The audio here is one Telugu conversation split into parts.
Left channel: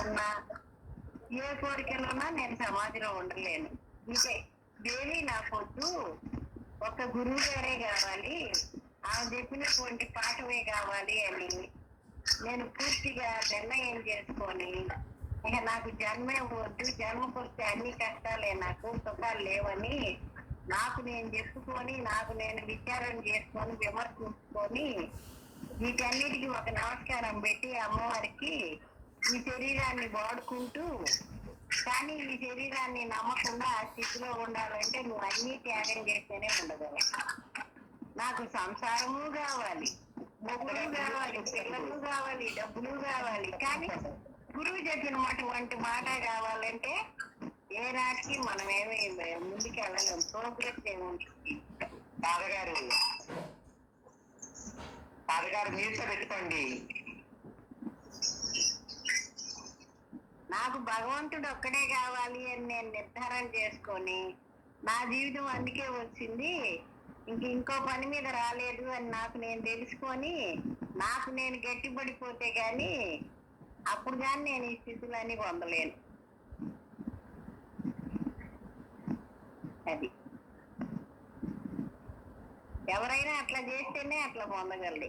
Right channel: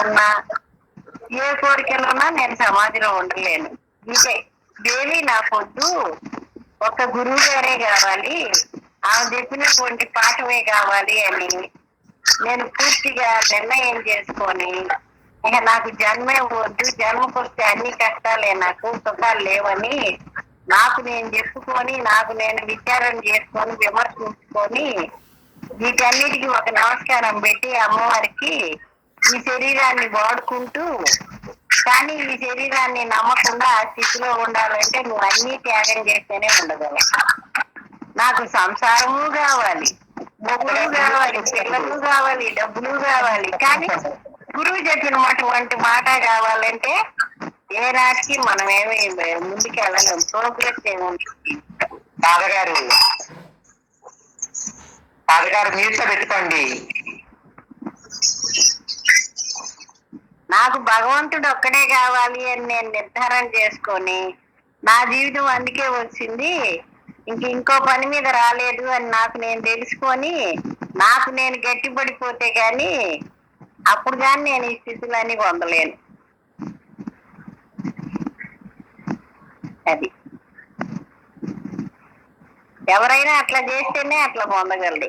ఉన్నా ఏ కోరికలున్నా నేను సమాధిలో ఉండలేను. ఇదే దేవి నాకొద్దు, ఒక గురువు గారే కావాలి, ఆమె చెప్పినటువంటి పాఠమే కావాలి అని నేను పూర్తిగా నిర్ణయం చేసుకొని, ఇక నాకు జన్మే వద్దు, జన్మకొస్తే అన్ని కష్టాలే, నాకు సుఖాలు లేవని నాకు నేను చెప్పుకొని, నాకు నేను విచారం చేసుకొని, విమర్శించుకొని, వీటన్నిటికీ ఒక నమస్కారం పెట్టి అమ్మవారికి ఈ శరీరాన్ని వాడుకుంటూ, కానీ ఈ శరీరాన్ని నమ్మకుండా ఆ స్థితిలో ఉండాలంటే నువ్వు అన్ని త్యాగం చేస్తేనే ఉండగలవు. నాకు సంసారము కావాలి, మొగుడు కావాలి, పిల్లలు కావాలి, డబ్బులు కావాలి, కానీ గురువు చెప్పినటువంటి మాట కావాలంటే ఏ రాజుకి మనం ఏమి ముందుకు వెళ్ళలేం, ప్రోగ్రెస్ ఏముంటుంది. తాతగారు మ్యూట్ లో పెట్టుకోండి. నాకు భగవంతుడు ఒక్కడే కావాలి అని నేను నిర్ధారణ చేసుకొని, నా జీవితం అందుకే వచ్చింది, ఇంకో పని మీద రాలేదు అని నాకు నేను తెలుసుకొని, నాకు నేను గట్టిపడిపోతే కానీ అప్పుడు కానీ నేను ఈ స్థితులన్నీ పొందలేను. అది ఎవరైనా అట్లా చేస్తేనే అట్లా పొందగలడు.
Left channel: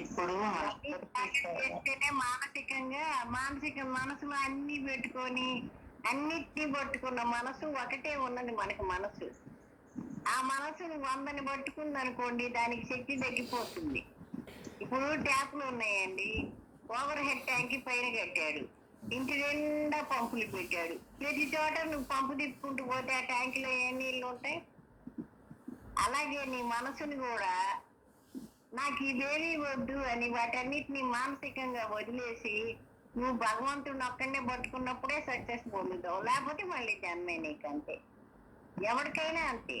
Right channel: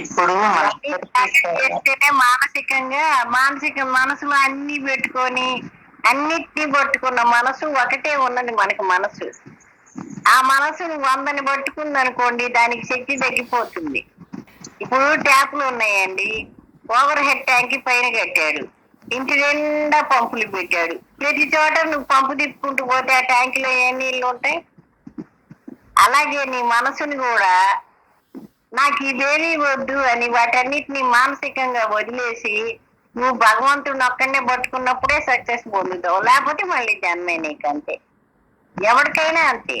ఇప్పుడు చేస్తేనే మానసిక మనసులో అన్ని పెట్టుకొని, అన్నిటినీ పట్టుకున్న మనసు ఒకటే ఉన్నది మనకి. మనసు ఆ మనసుని 100ని పట్టుకుంది అనుకోండి, దానికి శక్తి తగ్గిపోతుంది. ఇప్పుడు ట్యాపులు ఉన్నాయండి, ఓవర్ హెడ్ ట్యాంక్ పైన కట్టాడు, ఇంటి నిండా పంపులు పెట్టాడు, ప్రతి చోట నువ్వు పంపు తిప్పుకుంటూ పోతే ఆ ట్యాంకులో ఏ నీళ్ళు ఉంటాయి? అలాగే నీ మనసుని కూడా నాకు ఇదేమీ వద్దు అని వాటన్నిటిని మానసికంగా వదిలేసి నువ్వు భగవంతుడిని ఒక్కడనే పట్టుకున్నప్పుడే సక్సెస్ పొందుతావు, లేకపోతే మళ్ళీ జన్మే నీకు. అంతే, ఎవరికైనా అంతే,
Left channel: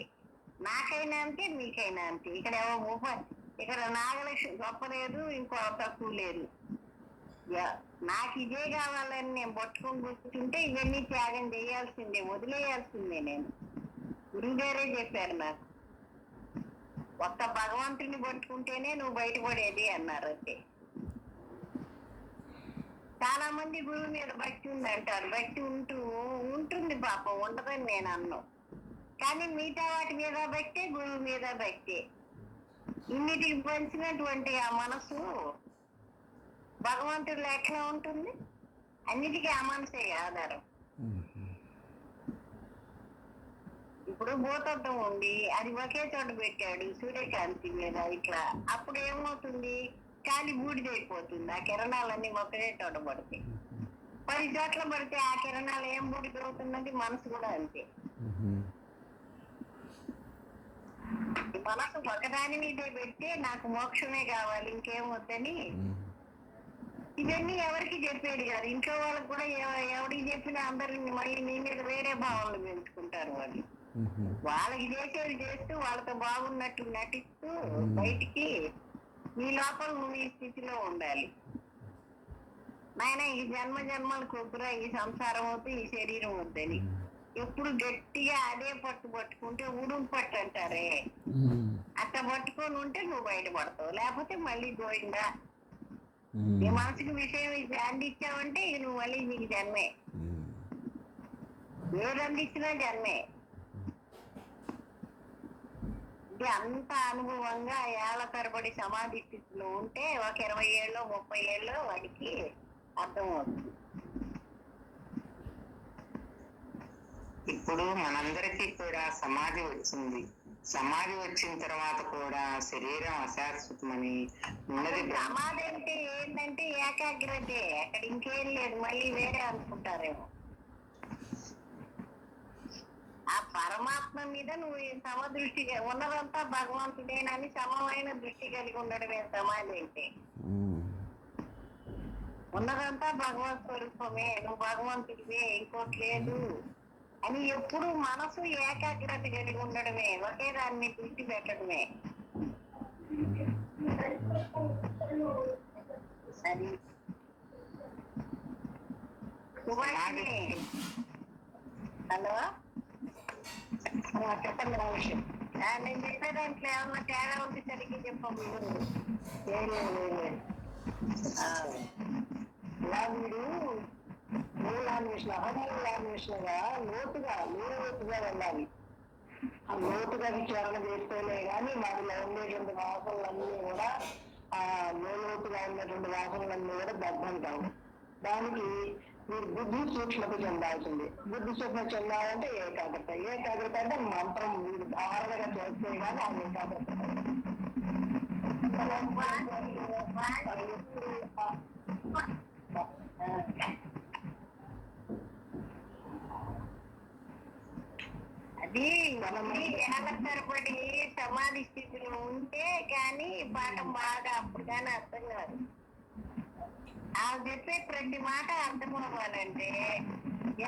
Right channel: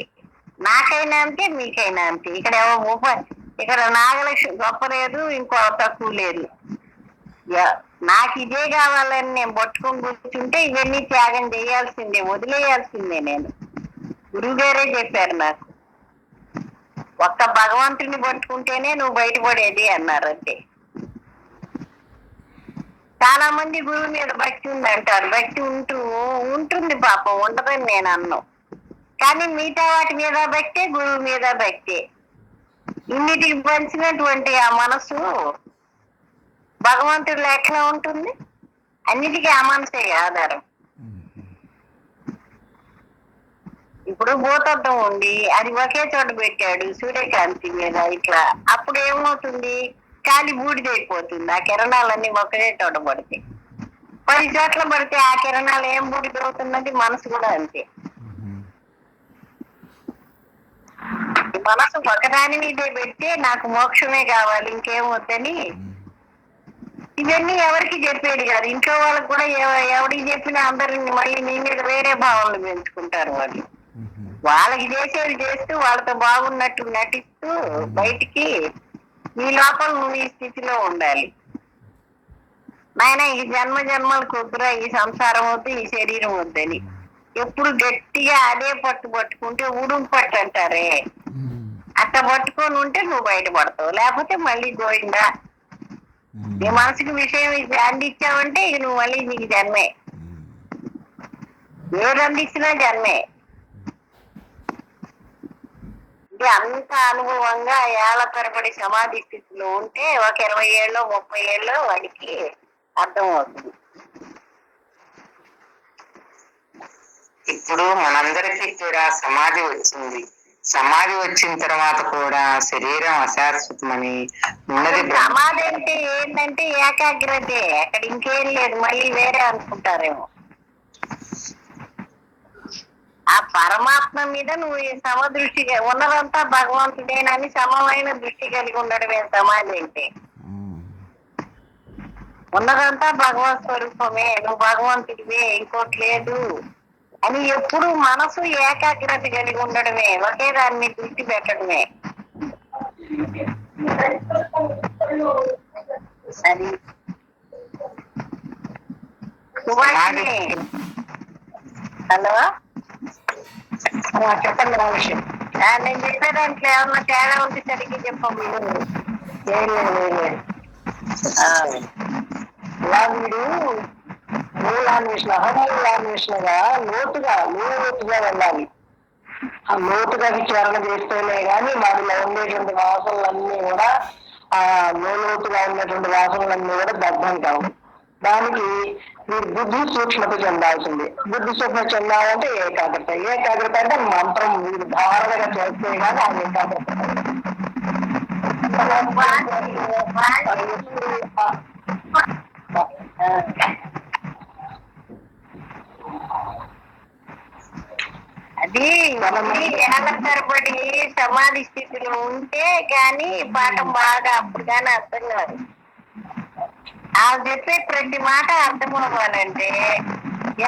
నాకైనా అంతే, మీకైనా అంతే. ఇక్కడ నాగలక్ష్మి గొప్ప లేదు, ఇంకో తక్కువ లేదు. నాకు ఇదే కావాలని నేను పట్టుకొని కూర్చుంటే ఇవన్నీ త్యాగం చేయాల్సిందే, వదిలేయాల్సిందే. నేను గురువు గారే చెప్పారు నాకు, ఒక్క భగవంతుని పట్టుకుంటేనే నువ్వు బయటపడేది అన్నారు. అంతే. చాలా మంది గురువు మీద భక్తి ఉంది అంటారు, భక్తి ఉంటుంది పాపం, ఉండదని నేను అన్నాను. కానీ మిగతా వాటి మీద భక్తే, గురువు మీద భక్తే. ఇన్నిటికి పంచినటువంటి ఆ మనసు భగవంతుడు ఎట్లా ఉంటుంది? అన్నిటికీ ఆ మనసే ఆధారం. ఇప్పుడు భూతత్వం ఉంది, అది ఒకే చోట పెట్టాడు సూర్యకాంతి మీద ఇట్లా, అప్పుడు ఏమవుతుంది? కాలి బూడిదైపోతుంది. ఆ కిరణాలన్నీ ఒకే చోట పడితే, 10 చోట్ల పడితే ఆ కిరణాలు ఏం బూడిదవుతున్నది? మనసు కూడా అంతే. మనసు ఒకదాని మీదే పెడితే నాకు మోక్షమే కావాలి, ఇంకేం వద్దని, ఇవన్నీ ఎవరికి చెప్పేది కాదు. ఇంట్లో వాళ్ళకి కూడా ఎవరికి చెప్పినా అందరిని మళ్ళీ నీ మీద వేరే భావనలు పెంచుకుంటారు. వాళ్ళకి చేసేది చేస్తూ, వాళ్ళతో బాగున్నట్టు నటిస్తూ బయటికి, నీ లోపల నువ్వు ఈ స్థితిలో ఉండాలి. నాయన ఈ జన్మలకు వద్దురా, ఈ సంసారం వద్దు, ఈ శరీరం వద్దని ఎప్పుడు గట్టిగా అదే పట్టుకుంటే ఉడుము పట్టు అంటారే, అట్లా పట్టుకొని ఉంటే నువ్వు బయటపడతావు, లేకపోతే మళ్ళీ గోయిందా. నీ మనసుకి విషయం అందించావంటే ఇక నువ్వు మళ్ళీ నీకు జన్మే, ఏది అందించినా జన్మే. ఇది అంత అనుభవంగా ఏళ్ల తరబడి సమాధి స్థితిలో ఉంటే ఒక 20 ఏళ్ళు 30 ఏళ్ళు వాడికి అర్థం అవుతుంది. ఇప్పుడు మనందరికీ కూడా సమాధి వచ్చింది. సమాధి వచ్చిన తర్వాత కూడా శరీరం అశాశ్వతమని ఉన్నది. సమాధి అంటే ఏంటంటే ఏకాగ్రతే, అక్కడ ఇంకేం లేదు, మళ్ళీ వేరే అనుకుంటారేమో. ఆ పరమాత్మ మీద నువ్వు ఈ సమదృష్టిగా ఉన్నదంతా భగవంతుడేనని సమమైన దృష్టి కలిగి ఉండడమే సమాధి అంటే. ఉన్నదంతా భగవత్ స్వరూపమే, నువ్వు భగవంతుడివే, ఇంకోటి లేదు అని ఎప్పుడు మనసు ఏకాగ్రత కలిగి ఉండడమే, ఒకే దాన్ని దృష్టి పెట్టడమే. అది హలో చెప్పండి విషయం. నేను చెప్పే దాంట్లో ఏమన్నా తేడా ఉంటే సరిగ్గా చెప్పండి. ఇలా వీడు మూలాన్వేషణ అహమూలాన్వేషణగా లోతుగా వెళ్ళాలి. ఆ లోతుగా విచారణ చేస్తేనే గాని వాటిలో ఉండేటువంటి వాసనలన్నీ కూడా ఆ లోతుగా ఉన్నటువంటి వాసనలన్నీ కూడా దగ్ధం కావు. దానికి మీరు బుద్ధి సూక్ష్మత చెందాల్సింది. బుద్ధి సూక్ష్మత చెందాలంటే ఏకాగ్రత అంటే మంత్రం మీరు ధారణగా చేస్తే కానీ ఆ ఏకాగ్రత అది ఏళ్ళ తరబడి సమాధి స్థితిలో ఉంటే కానీ పాఠం బాగా అప్పుడు కానీ అర్థం కాదు. ఆమె చెప్పే ప్రతి మాట అర్థం అవ్వాలంటే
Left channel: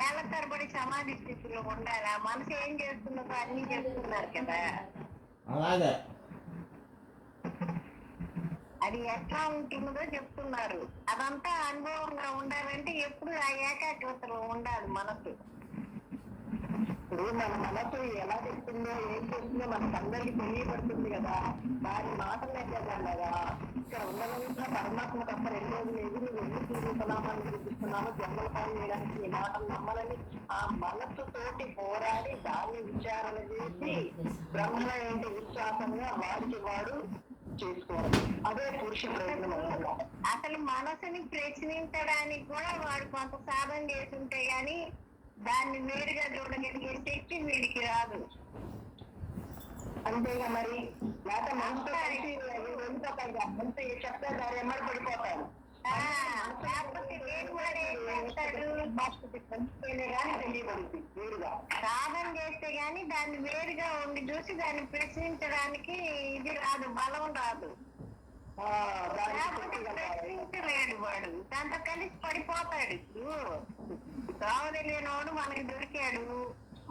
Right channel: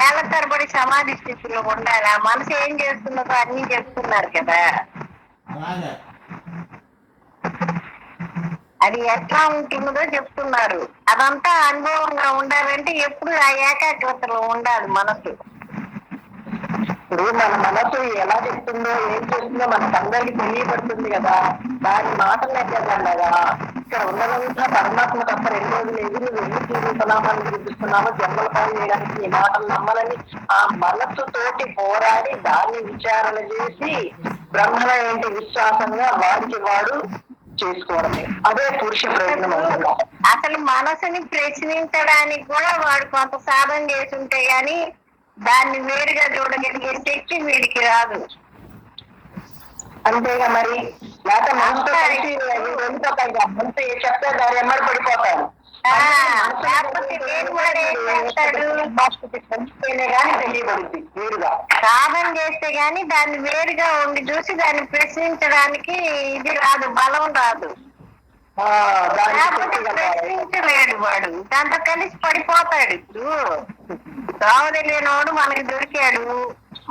ఏళ్ళ తరబడి సమాధి స్థితిలో ఉండాలి. ఆ మనసు ఏం చేస్తున్నదో అన్ని చెప్తున్నారు కదా. అది ఎట్లా ఉంటున్నదో చెప్తున్నారు. అదంతా అనుభవంగా ఉండాలంటే ఎప్పుడు ఆ ఏకాగ్రతలో ఉండాలి మనసు. ఇప్పుడు మన మనసు ఎలా చెప్తుందో ఏం చేస్తుందో మనకు అందరికి తెలియబడుతుంది కదా. దాని మాటలు ఎక్కడగా ఇక్కడ ఉన్నదంతా పరమాత్మ తప్ప 2 రోజులు ఎదురు వెళ్ళి చూస్తున్నామని చూపిస్తున్నామో జన్మల పాలు చేయడానికి ఈ మాటలు నమ్మాలని ఆ మనస్సుతోటి పోరాడి దాన్ని విచారణ చేసి బ్రహ్మ ఏంటి విశ్వాసంగా వాడికి వాడు చేసుకోవడమే. అదే పురుష ప్రయత్నం అవుతుంది. అసలు మనసుని ప్రశ్నించడానికి కూడా వాడు కొంత సాధన చేసి ఉంటే గాని దాన్ని వేరుగా చూడగలిగే శక్తి వీడికి రాదు. అంతేగా మరి లేకపోతే మనసుతో కలిసి అంతా చెప్తే దాని ఎమ్మడి పడిపోతారు. తెలియబడుద్ది వేరుగా సాధన చేస్తే గాని దాన్ని వేరుగా ఉండి చూసి దాన్ని ప్రశ్నించడానికి ఇది రాదు, బలం రాదు. ప్రశ్నించలేడు వాడు, దాంతో కలిసి పడిపోతాడు. ఇప్పుడు దోవ తెలియనోడు మనకి దొరికాడు,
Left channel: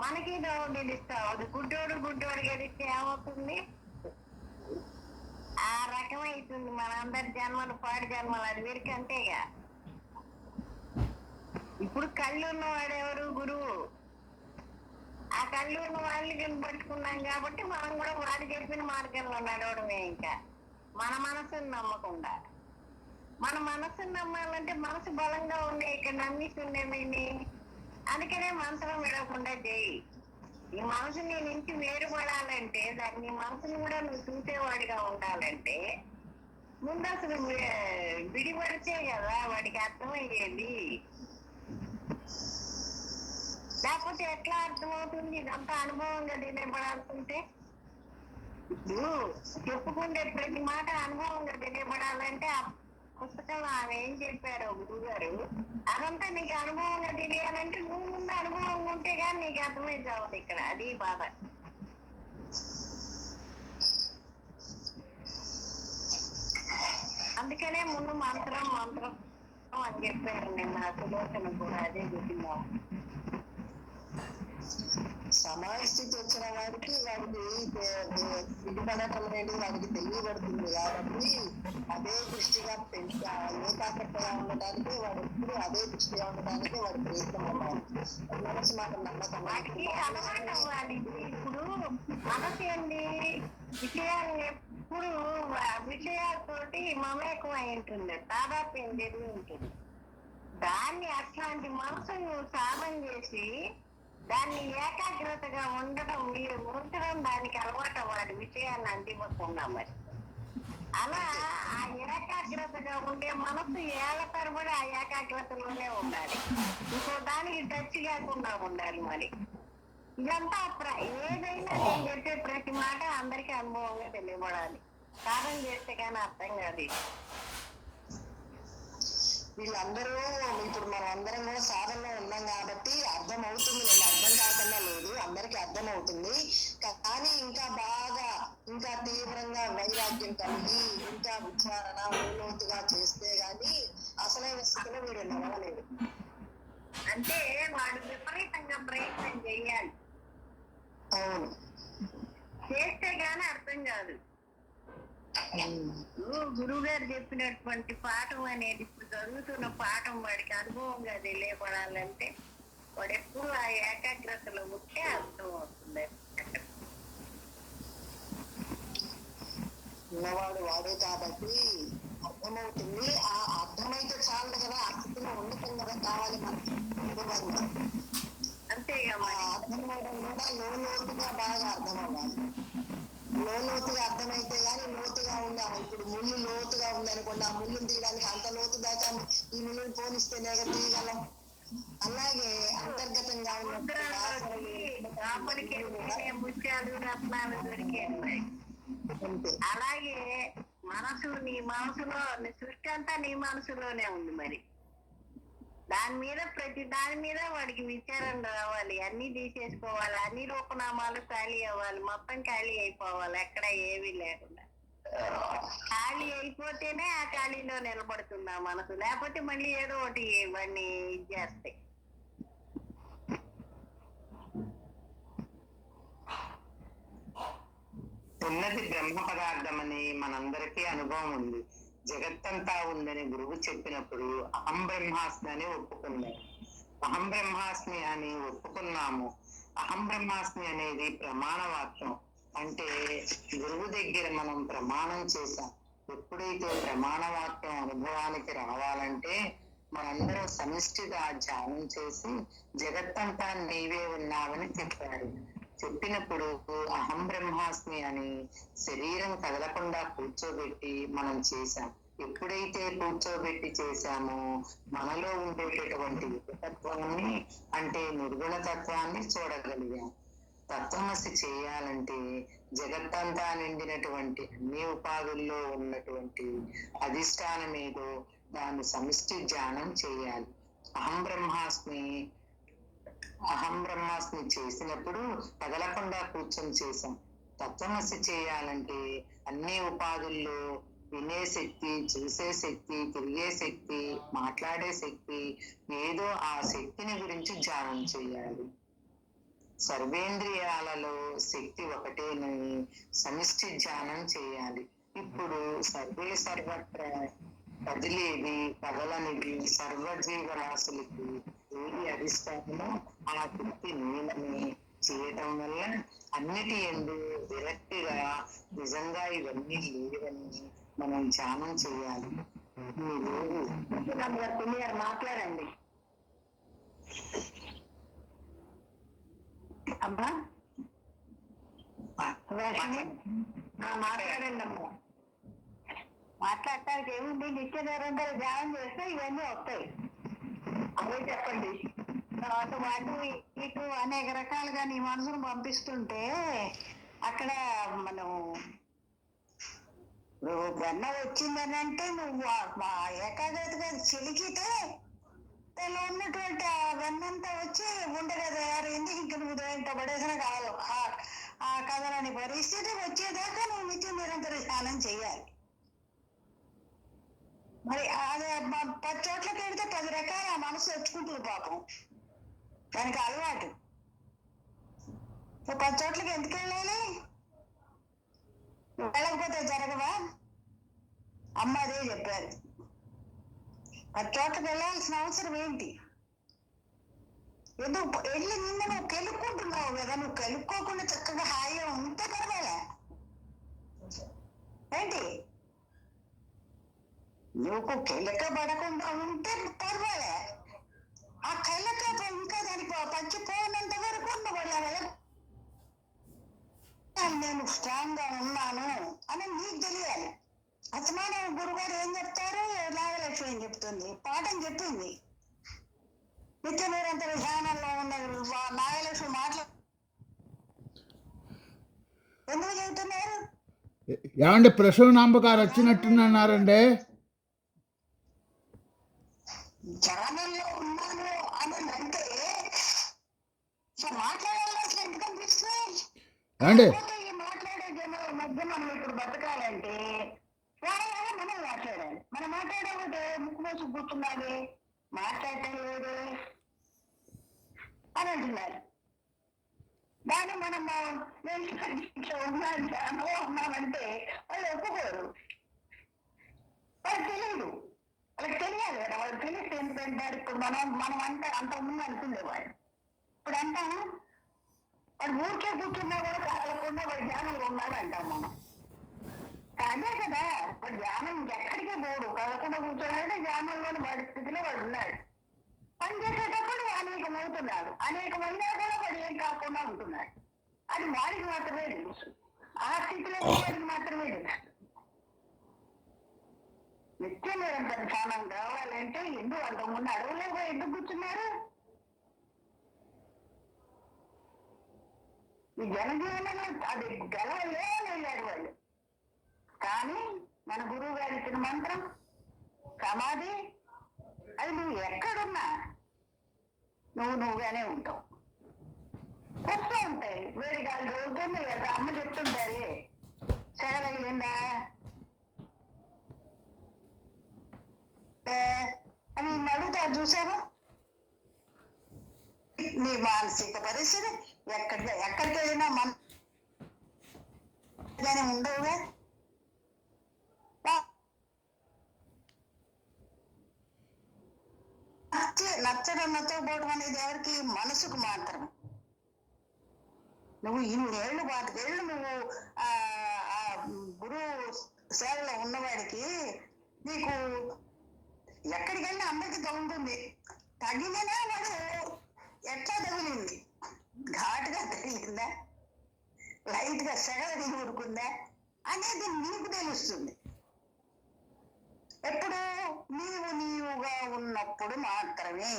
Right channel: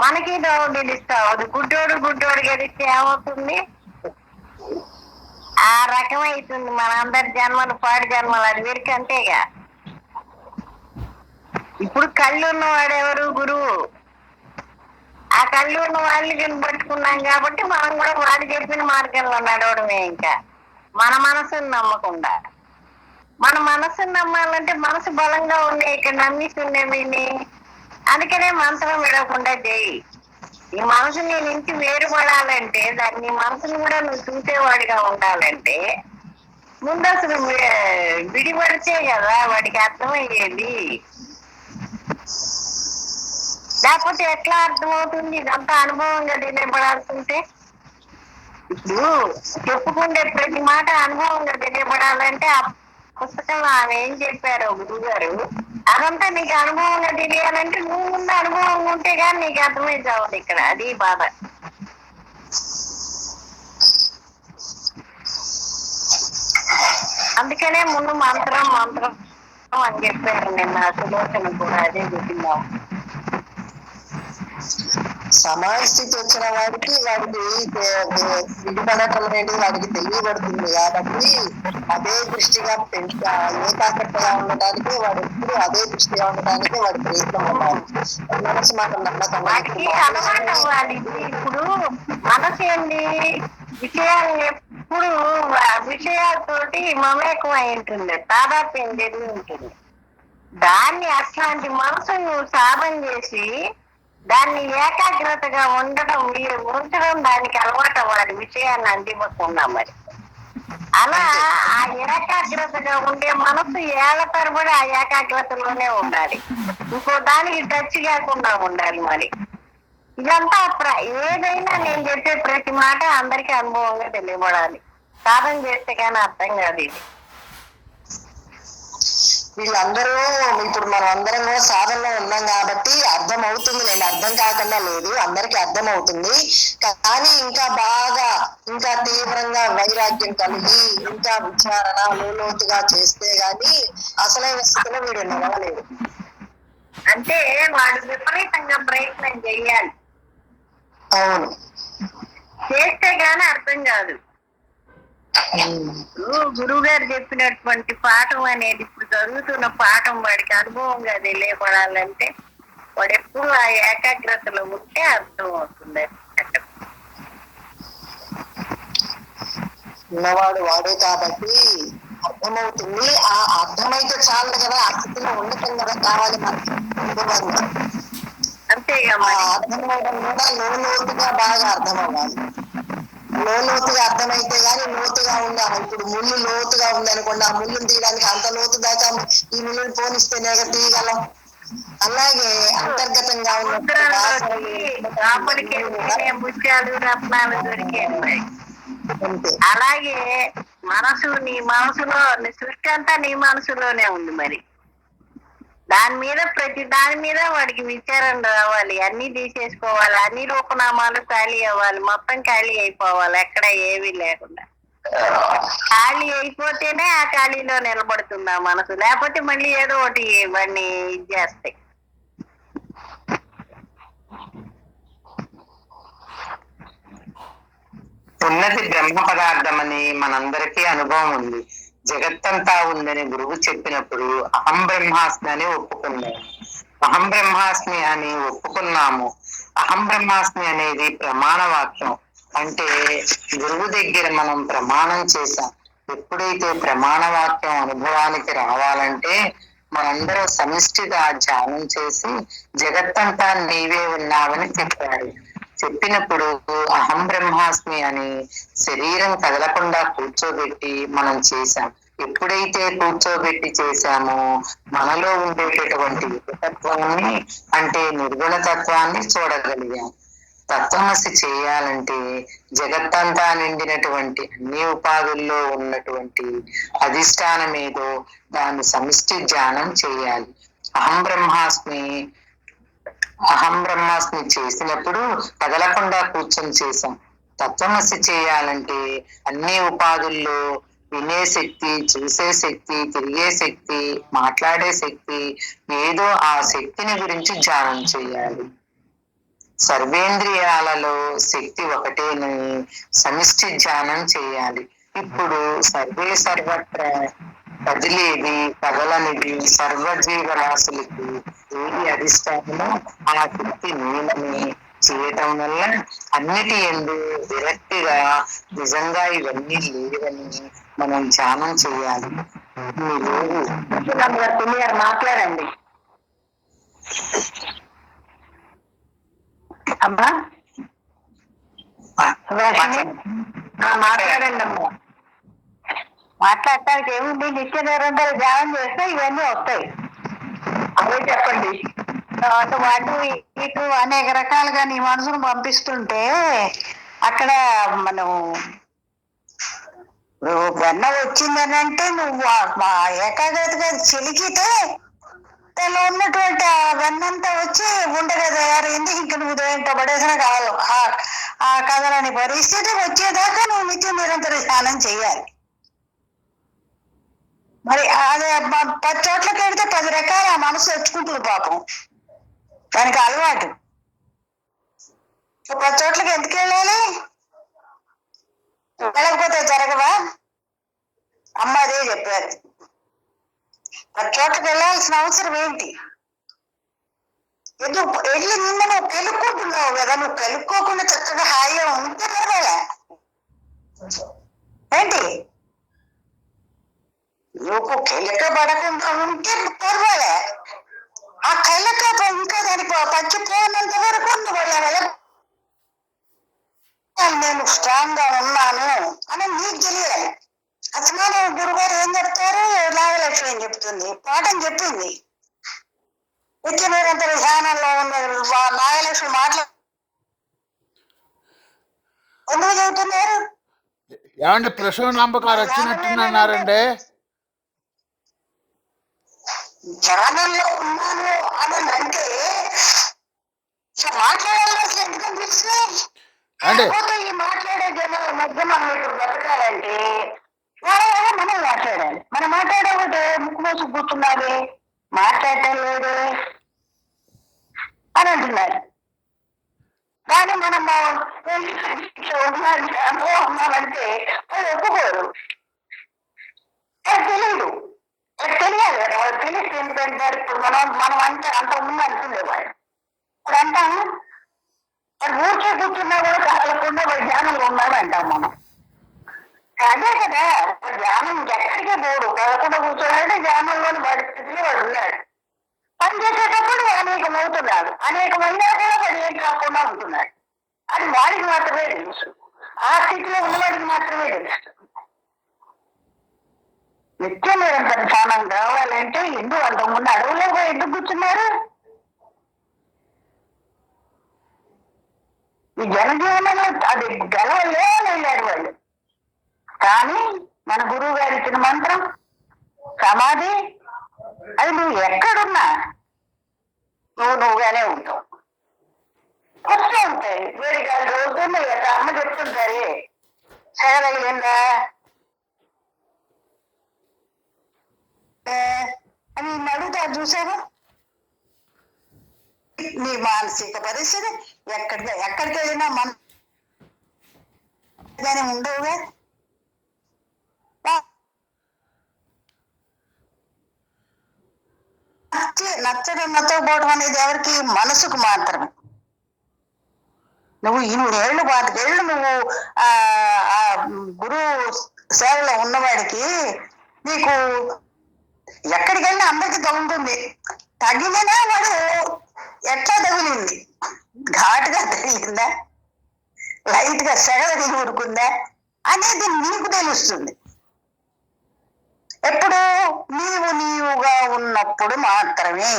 మనకి దోవ తెలిస్తావు. గుడ్డోడు గెలిస్తే ఏమవుతుంది? ఆ రకమైతుంది మన అందరి జన్మలు, పాడి జన్మలు. అది వీరికి అంతేగా. ఇప్పుడు కళ్ళు ఉన్నవాడు ఎవరు? గురువు. ఆ కళ్ళు ఉన్న వాళ్ళని పట్టుకున్నాం కాబట్టి మనం కూడా వాడు చెప్పిన మార్గంలో నడవడమే. ఇంకా మన మనసుని నమ్మకుండా, మన మనసుని నమ్మాలంటే మనసు బలంగా ఉండే ఇక్కడ నమ్మిస్తుండేవి. అందుకనే మంత్రం విడవకుండా చేయి. ఈ మనసుని నుంచి వేరుపడాలంటే దాన్ని మనసుని కూడా నువ్వు చూసేవాడిగా ఉండాలంటే ముందు అసలు విడిపడితే కదా వాడికి అర్థమయ్యేది. లేకపోతే ఎట్లా అర్థమవుతుంది? ఇదంతా అనుభవంగా తెలియబడాల్సింటే ఇప్పుడు చెప్పుకుంటే ప్రతి మాట అనుభవంగా తెలియబడాలంటే ఆ పుస్తకంలో ఆమె ఏం చెప్పారో గురువు గారు, అదంతా నీకు అనుభవంగా తెలియాలంటే నువ్వు ముందు అనుభవం ఉంటే కానీ నీకు అర్థమై చావదు. ఇక్కడ అది బాధ. అందుకనే ముందు మంత్రం అని చెప్పారు. నిన్న సులోచన కూడా అదే చెప్పిందా. సమాజ స్థితి వచ్చిన వాడికి విడిపడటం అనేది వాడికి తెలియబడుతుంది కాబట్టి అదే దృష్టిగా ఏకాగ్రతగా ఉండటానికి వాడు ఎప్పుడు అదే దృష్టిగా ఉండటానికి వాడి ప్రయత్నం ఉండాలి. మనసు మాట నమ్మకం అలవాటు అవ్వాలి. ఇప్పుడు మనసు ఏంటి? విషయాలు ఎప్పుడు విషయాలతోటి మమేకం అయి ఉంటుంది, తాదాత్మ్యం జరిగి ఉంటుంది. దాన్ని అట్లాంటి మనసు నువ్వు సాధన చేసి దాన్ని ఏకాగ్రతగా ఉంచడం దానికి అలవాటు అవ్వాలి, విషయాన్ని అందివ్వకుండా. మరి అలా ఆ ఏకాగ్రతగా ఉండే మనసు ఏళ్ల తరబడి ఆ ఏకాగ్రతలోనే ఉండాలి. ఇంకో దానికి టచ్ కాకుండా ఉండాలి. మరి ఇదంతా ఏదైనా నేను చెప్పే ప్రతి మాట అందరికీ అనుభవంగా తెలియబడాలి. సాధన చేస్తే కానీ అర్థం కాదు ఇది. వీళ్ళందరూ ఇప్పుడు మనం అందరం కూడా సాధనలో ఉన్నాం కాబట్టి అర్థం అవుతుంది. నేను అర్థం కాకుండా లేదు, అందరికీ అర్థం అవుతుంది. కానీ ఇంకా బాగా ఇంకా తీవ్రంగా వైరాగ్యం కలిగి ఇంకా విచారణ లోతుగా చేస్తే గాని అసలైన స్థితిలో వీడు నిలవలేదు. అంటే వాడు విపరీతంగా ప్రయత్నం చెయ్యాలి. అవును, చేస్తే గానీ అర్థం కాదు. గురువు గారు చెప్పినటువంటి పాఠం అనేది ఇప్పుడు చదువుతున్న పాఠం వాడికి అనుభవంగా తెలియపడాలంటే వాడు ఎప్పుడు ఆ ఏకాగ్రతలో ఉంటే అర్థం అవుతుంది. ఉన్నవాడు వాడే కాబట్టి అర్థమవుతుంది. ఆ అర్థమైతే చాలు కదా, ఆ స్థితిలో ఉండటం కదా కావాలి మనకి అనుభవంగా. అంతేగా ఆ మరి. అర్థం అవడం కూడా లోతుగా బాగా అర్థం అవ్వాలి. లోతుగా అర్థమైతే గానీ లోతుగా ఉండాలి. ఇప్పుడు ముళ్ళు లోతుగా ఉందనుకోండి, ఆ ముళ్ళుని తీయడానికి అంత లోతు దాకా ఈ ముళ్ళుని పోనిస్తేనే తీయగలం. అలాగే అంతర్గతంగా ఉన్న లోపలికి వెళ్తేనే ముత్యాలు రత్నాలు దొరికేది మరి. అలాగే మనసు, నీ మనసులో సృష్టి అంతా నీ మనసులోనే ఉంది మరి. ప్రతి దాని మీద వాడికి విచారం రావాలి, అన్ని తీసేసుకోవాలి, అన్ని రూపనామాలు ఖాళీ అవ్వాలి, మొత్తం ఖాళీ అయిపోవాలి, ఎక్కడ ఏమీ లేకుండా. ఖాళీ అయిపోతేనే ఆ ఖాళీలో నిలబడుతుంది ఆ మనసు, లేకపోతే మళ్ళీ ఏదో ఒకటి వాడిని ఇది చేస్తాయి. ఉన్నది బ్రహ్మ పదార్థం అని మనందరికీ అనుభవం ఉంది. జగత్తంతా ఉందని గురువు చెప్పినప్పుడు అహం బ్రహ్మాస్మి అని ఒప్పుకున్నాము. అహం బ్రహ్మాస్మి అని ఒప్పుకున్నాము. అహం బ్రహ్మాస్మి అనేది ప్రమాణ వాక్యం. అంటే గురువు దగ్గర మనం ప్రమాణం చేశాం. ఎప్పుడైతే ప్రమాణ వాక్యం అనుభవానికి రావాలంటే మనందరం సమిష్టిగా ధ్యానం చేసి జగత్తంతా నీవే ఉన్నావని చెప్పాడు. చెప్పినప్పుడు అహం బ్రహ్మాస్మి అని శరీరం కదలకుండా కూర్చోబెట్టి మనం చేశాం. ఎప్పుడైతే కూర్చోబెట్టి చేశామో మనలో ఉండేటటువంటి ఏకతత్వాన్ని, అంటే నిర్గుణ తత్వాన్ని చూడగలిగాం. తత్వమసి చేయాలంటే జగత్తంతా నిండినటువంటి అన్ని ఉపాధుల్లో ఉన్నటువంటి అధిష్టానం ఏదో దాన్ని సమిష్టి ధ్యానం చేయాలి. అహం బ్రహ్మాస్మి చేసినప్పుడు కదలకుండా కూర్చొని చేశాం. తత్వమసి చేయాలంటే అన్ని ఉపాధుల్లో వినే శక్తి, చూసే శక్తి, తిరిగే శక్తి, మాట్లాడే శక్తి ఏదో ఆ శక్తిని గురించి ధ్యానం చేయాలి. సర్వేంద్రియాలలో శక్తి ఒకటేనని సమిష్టి ధ్యానం చేయాలి. ఇప్పుడు సర్వత్రా కదిలేది, కదలనిది సర్వజీవరాశులకి ఏది అధిష్టానమో ఆ శక్తి నేనని చేయటం వల్ల అన్నిటి యందు విరక్తిగా నిజంగా ఇవన్నీ లేవని మనం ధ్యానం చేయాలి. మీరు మాట్లాడండి అమ్మా. మాట్లాడండి అమ్మా. మాట్లాడటానికి ఏముంది, నిత్య నిరంతరం ధ్యానం చేస్తే ఇవన్నీ వస్తాయి. అదే చెప్పండి. అటు వాటి ఇటు అనేక రకాలుగా నీ మనసును పంపిస్తుంటే అక్కడ మనం వెన్న వచ్చిందని అంటే నువ్వు ఏకాగ్రతగా చిలికితే దానిలో ఉన్నటువంటి ఆ వెన్నంతా వచ్చి ఉండగా తయారైంది. ఇంక నువ్వు దేంతో పడేసిన కాదు ఆ కథలని పరిస్థితి వచ్చేదాకా నువ్వు నిత్య నిరంతర స్నానం చేయాలి. మరి అదే 10 చోట్లకి వెళ్తే 10 రకాల మనసు తెచ్చుకుంటుంది పాపం, దానికి అలవాటు. 10 చోట్లకి ఎందుకు వెళ్ళాలి? వెళ్ళకపోతే జరగవా? అమ్మ అదే చెప్పారు. 10 చోట్లకి వెళ్ళాల్సిన అవసరం ఏంటి? ఎందుకు వెళ్ళి నిన్న నువ్వు కెలుక్కుంటున్నావు కదా, నువ్వు కెలుక్కోకుండా చక్కగా హాయిగా ఉంటే పర్వాలే ఏంటి? నువ్వు కెలక పడకుండా ఉంటే పర్వాలే. ఆ కెలక ఇంకా దానికి పచ్చిపోయినంత వరకు నేను స్ట్రాంగ్ గా ఉన్నాను అని నీకు తెలియాలి. అసలు గురుగారు ఏం చెప్తారు, నాగలక్ష్మి ఏం చెప్తుంది, పాఠం చెప్పింది. నిత్య నిరంతర ధ్యానంలో ఉన్న నాగలక్ష్మి మాట్లాడు ఎందుకు చెబుతున్నారు? ఏమండి ప్రసూనాంబకారు వచ్చినట్టున్నారండి. ధ్యానంలో ఉన్నాను అని అంటే మాట్లాడాలి. అసలు ఎందుకు అనిపిస్తుంది? ఈ మాట్లాడే జనాల మధ్య మనం ఇప్పుడు బతకాలంటే మనం మాట్లాడాలి. మనం మాట్లాడకపోతే ముక్కు మోసు కూర్చున్నాడు, మాట్లాడటం లేదు అని అంటున్నారు. కానీ మనం ఉన్నామంటే వాళ్ళు ఒప్పుకోరు. తెలియదు, తెలియాలి కదా, వాళ్ళు తెలిసి ఎందుకంటే ఇప్పుడు మనం అంటే అంత ముందు అనుకునేవాడు. ఇప్పుడు అంటాము వాడు ఊరికే కూర్చున్నా కూడా కదలకుండా వాడు ధ్యానంలో ఉన్నాడు అంటాం మనం. అదే కదా, ధ్యానం ఎక్కడికే పోడు, పదకొండ కూర్చోవాలంటే ధ్యానంలోని పరిస్థితిలో వాడు ఉన్నాడు. పని చేసేటప్పుడు అనేకమవుతున్నాడు, అనేకమైనా కూడా వాడు ఏం కాకుండా ఉంటున్నాడు. అది వాడికి మాత్రమే తెలుసు, ఆ స్థితిలో ఉన్నవాడికి మాత్రమే తెలుసు. నిత్య నిరంతర ధ్యానం కావాలంటే ఎందుకు అంతకుముందు అడవులో పోయి ఎందుకు కూర్చున్నారు? ఈ జనజీవనంలో అది గెలవలే వెళ్ళారు వాళ్ళు. కానీ మన గురువు గారు ఇచ్చిన మంత్రం సమాధి, అది నువ్వు ఎక్కడున్నా నువ్వుగానే ఉంటావు. వస్తూ ఉంటాయి వేడికాలు రోజుల్లో అమ్మ చెప్తుంటారే, సెగలిందా అని అడుగుతారు చూసారు. నీ మానసిక పరిస్థితి ఎక్కడికి వెళ్ళినా మన ఉండవుగా. నచ్చడం నచ్చకపోవడం అనేది ఎవరికి? మనసుకు మాత్రమే. నువ్వు 2 పాతికేళ్ళు నువ్వు ఆ గురువు సేవలో ఉన్నవాడికి నీకు ఎక్కడికి వెళ్ళినా అందరికి తగులుతుంది. తగిలినా వాడు ఎట్లా తగిలింది, ఘాటుగా తగిలిందా, లైట్ గా సెగలకి ఊరుకుందా అనేది నీకు తెలుస్తుంది. ఎప్పుడు? నీవుగా ఉన్నప్పుడు మాత్రమే.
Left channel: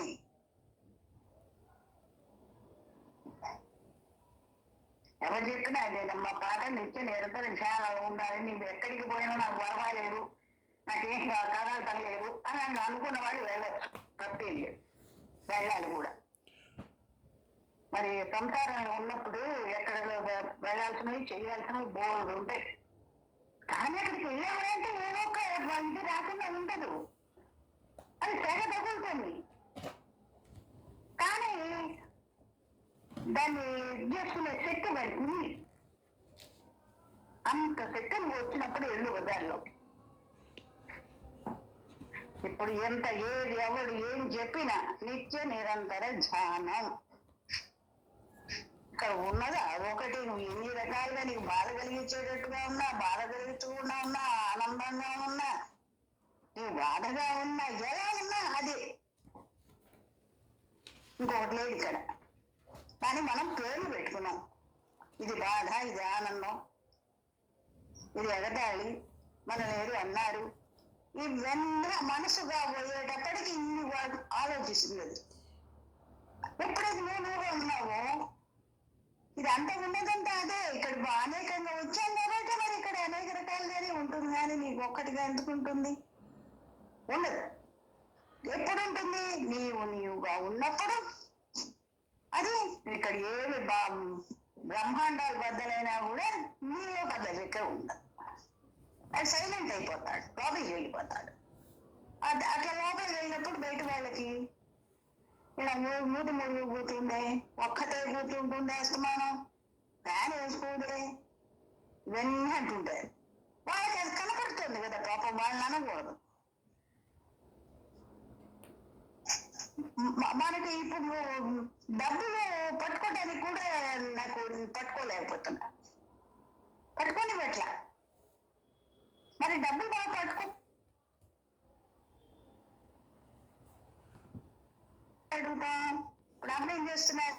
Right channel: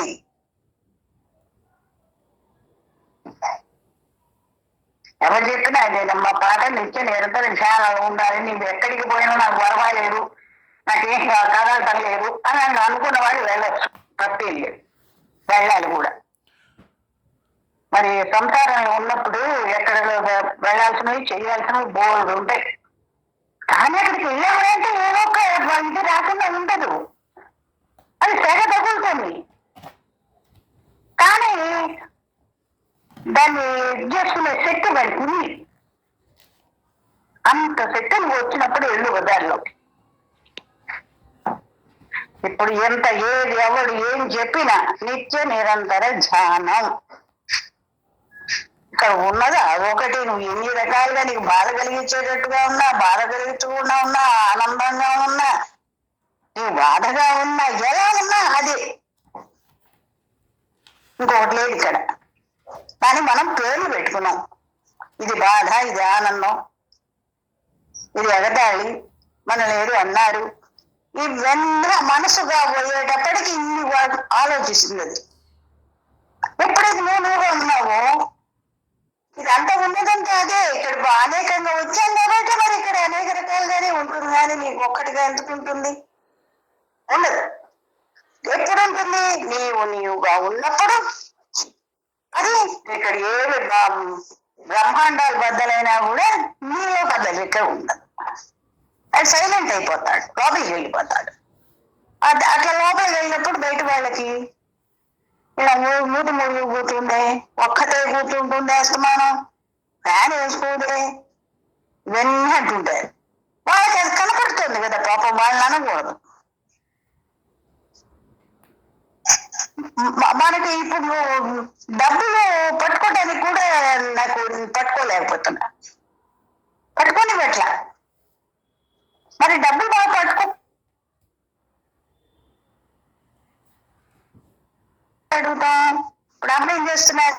ఎవరు చెప్పినా అదేనమ్మా, పాట నిత్య నిరంతరం చాలా ఉండాలి, నీవు ఎక్కడికి పోయినా నాకు పర్వాలేదు, నాకేం కదలటం లేదు అని అనుకున్న వాడు వెళ్ళచ్చు, తప్పేం లేదు, వెళ్ళాలి కూడా. మరి సంసారంలో ఉన్నప్పుడు ఎక్కడ వెళ్ళాల్సినవి చేయాల్సినవి బోర్డు ఉంటాయి. కానీ అక్కడికి వెళ్ళామంటే ఏదో ఒక ఇది రాకుండా ఉండదు, అది తెగ తగులుతుంది. కానీ దాన్ని చేసుకునే శక్తి వాడికి ఉంది. అంత శక్తి వచ్చినప్పుడు ఎల్లు వదాల్లో. ఇప్పుడు ఎంత ఏది ఎవడు ఏం చెప్పినా నిత్య నిరంతర ధ్యానం ఇక్కడ ఉన్నదా ఒకటి. నువ్వు ఎన్ని రకాలుగా నీకు బాధ కలిగించేటట్టుగా ఉన్నా, బాధ కలిగించకుండా ఉన్నా, ఆనందంగా ఉన్నా, నువ్వు బాధగా ఉన్నా, ఎలా ఉన్నా అదే, ఇంకొకటి లేదు ఇక్కడ. కానీ మనం పేర్లు పెట్టుకున్నాం, ఇది బాధ, ఇది ఆనందం, ఇది ఎగతాళి, మనల్ని ఏదో అన్నారు. ఇవన్నీ మనసుగా పోయేటప్పటికి ఇన్ని ఆలోచిస్తుంది. ఎప్పుడైతే నువ్వుగా ఉన్నావో ఇదంతా ఉన్నదంటే అదే. ఇక్కడ అనేకంగా వచ్చాం కాబట్టి మరి ఇక్కడ అనేక రకాలుగానే ఉంటుంది, కానీ నీకు ఒక్కటిగా ఎందుకు ఉంటుంది? ఉండదు. ఎప్పుడు ఉంటుంది? నీవుగా ఉన్నప్పుడు. అది ఇక్కడ ఏమి బ్రహ్మాండాలు బద్దలైనా కూడా నీలో బద్దలు ఇక్కడ ఉండదు. అది సైలెంట్ అయిపోతాడు, లోపలికి వెళ్ళిపోతాడు. అట్లా లోపలికి వెళ్ళినప్పుడు బయట వాళ్ళకి ఇలా మూడు కూర్చుండే, ఒక్కతే కూర్చుంటుండే, అస్తమానం ఫ్యాన్ వేసుకోదే, ఇవన్నీ అంటుంటారు. వాళ్ళకి అది కనపడుతుంది కదా, పాపం వాళ్ళని అనకూడదు. మనకి ఇప్పుడు డబ్బులు పట్టుకోవడానికి కూడా నాకు పట్టుకోలేకపోతున్నా, పట్టుకొని పెట్టలా. మరి డబ్బులు బాగా పట్టుకో అడుగుతాం. ఇప్పుడు అమ్మ ఏం చేస్తున్నారు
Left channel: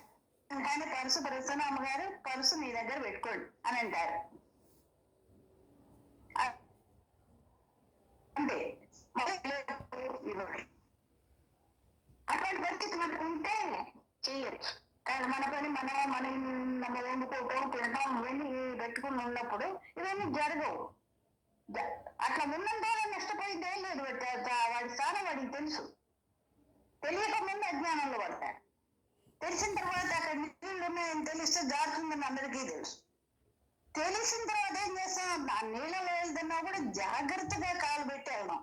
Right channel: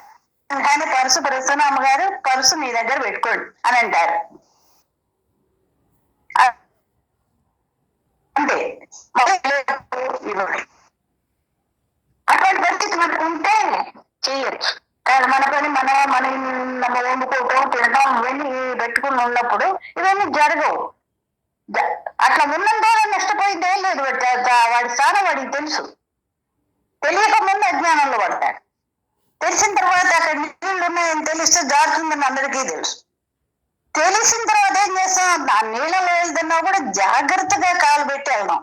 కానీ పర్సు ప్రస్తుతం అమ్మగారు పర్సు మీ దగ్గర పెట్టుకోండి అని అంటారు. అంతే, అటువంటి పరిస్థితి మనకు ఉంటే చెయ్యొచ్చు. కానీ మన పని మనం వండుకోవటం, తినడం ఇవన్నీ పెట్టుకుని ఉన్నప్పుడు ఇవన్నీ జరగవు. అట్లా ఉన్నంత నష్టపోయిందే లేదు. వాడి స్థానం వాడికి తెలుసు. తెలియక ముందు అజ్ఞానంలో పడతాడు. తెలిసిన తర్వాత అక్కడ నీళ్లు ఉన్నాయని తెలిస్తే జారుతుందని అందరికీ తెలుసు. తెలిసిన తర్వాత ఏం చేస్తాం? ఆ నీళ్ళలో వెళ్తున్నా కూడా జాగ్రత్తగా కాలు పెట్టి వెళ్దాం.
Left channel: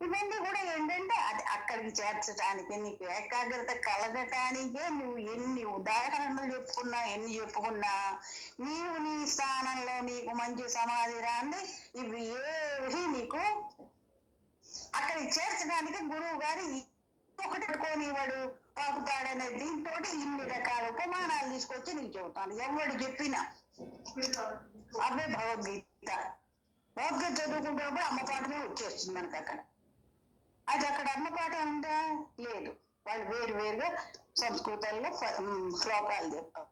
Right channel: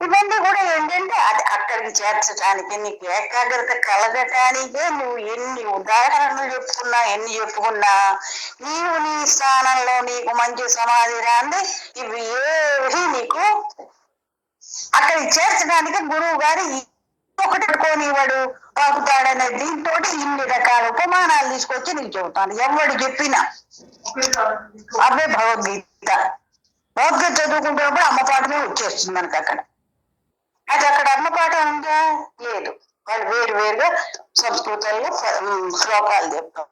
ఇవన్నీ కూడా ఏంటంటే అది అక్కడికి చేర్చడానికి, నీకు ఏకాగ్రత కలగటానికే నువ్వు ఎన్ని ఉదాహరణలు చెప్పుకున్నా నీవు నీ స్థానంలో నీకు మంచి సమాధి రాంది ఇవి ఏవి నీకు అక్కడికి చేర్చడానికి గురువు గారు ఒకటి పెట్టుకొని వాడు పాకుతాడనే దీంతో ఇన్ని రకాల ఉపమానాలు తీసుకొచ్చి నీకు చెబుతాను. ఎవడు చెప్పినా అవే భగవద్గీత. భగవద్గీత చదువుకుంటున్నప్పుడు అమ్మ పాఠమే వచ్చేస్తుంది మనకు అక్కడ. అది అక్కడ అమ్మ పాఠం ఉందా? లేదు. వాళ్ళు వేరు వేరుగా సంస్కృతంలో శ్లోకాలు చెప్తారు.